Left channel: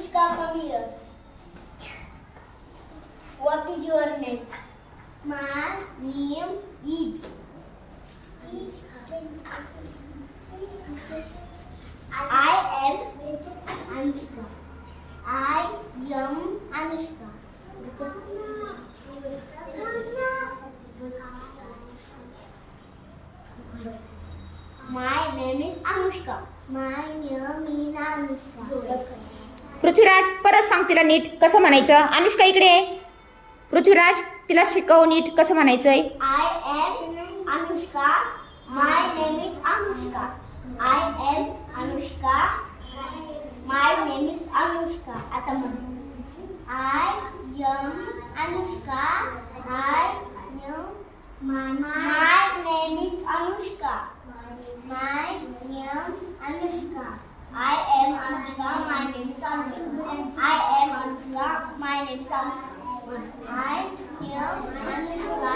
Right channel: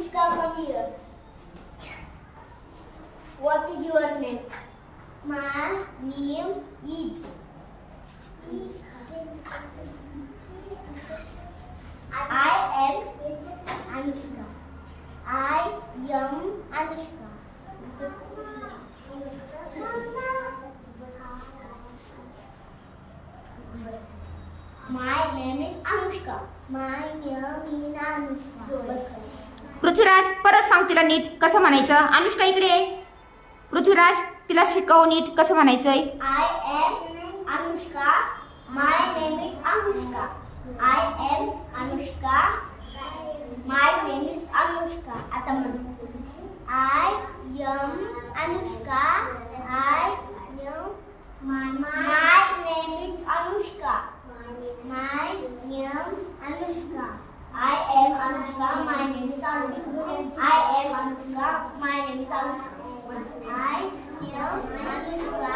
Anushka, come here. What is your name? My name is. I am Anushka. I am Anushka. My name is Anushka. My name is Anushka. Prithviraj परत सांग तिला NEET कसं म्हणायचं. अनुष्का इकडे ये. पृथ्वीराज तिला शिकव नीट कसं म्हणायचंय. I am Anushka. My name is Anushka. I am Anushka. My name is Anushka. आता म्हण. I am Anushka. I am. My name is Anushka. My name Anushka. I am Anushka. My name is Anushka. I am Anushka. My name is Anushka. I am Anushka.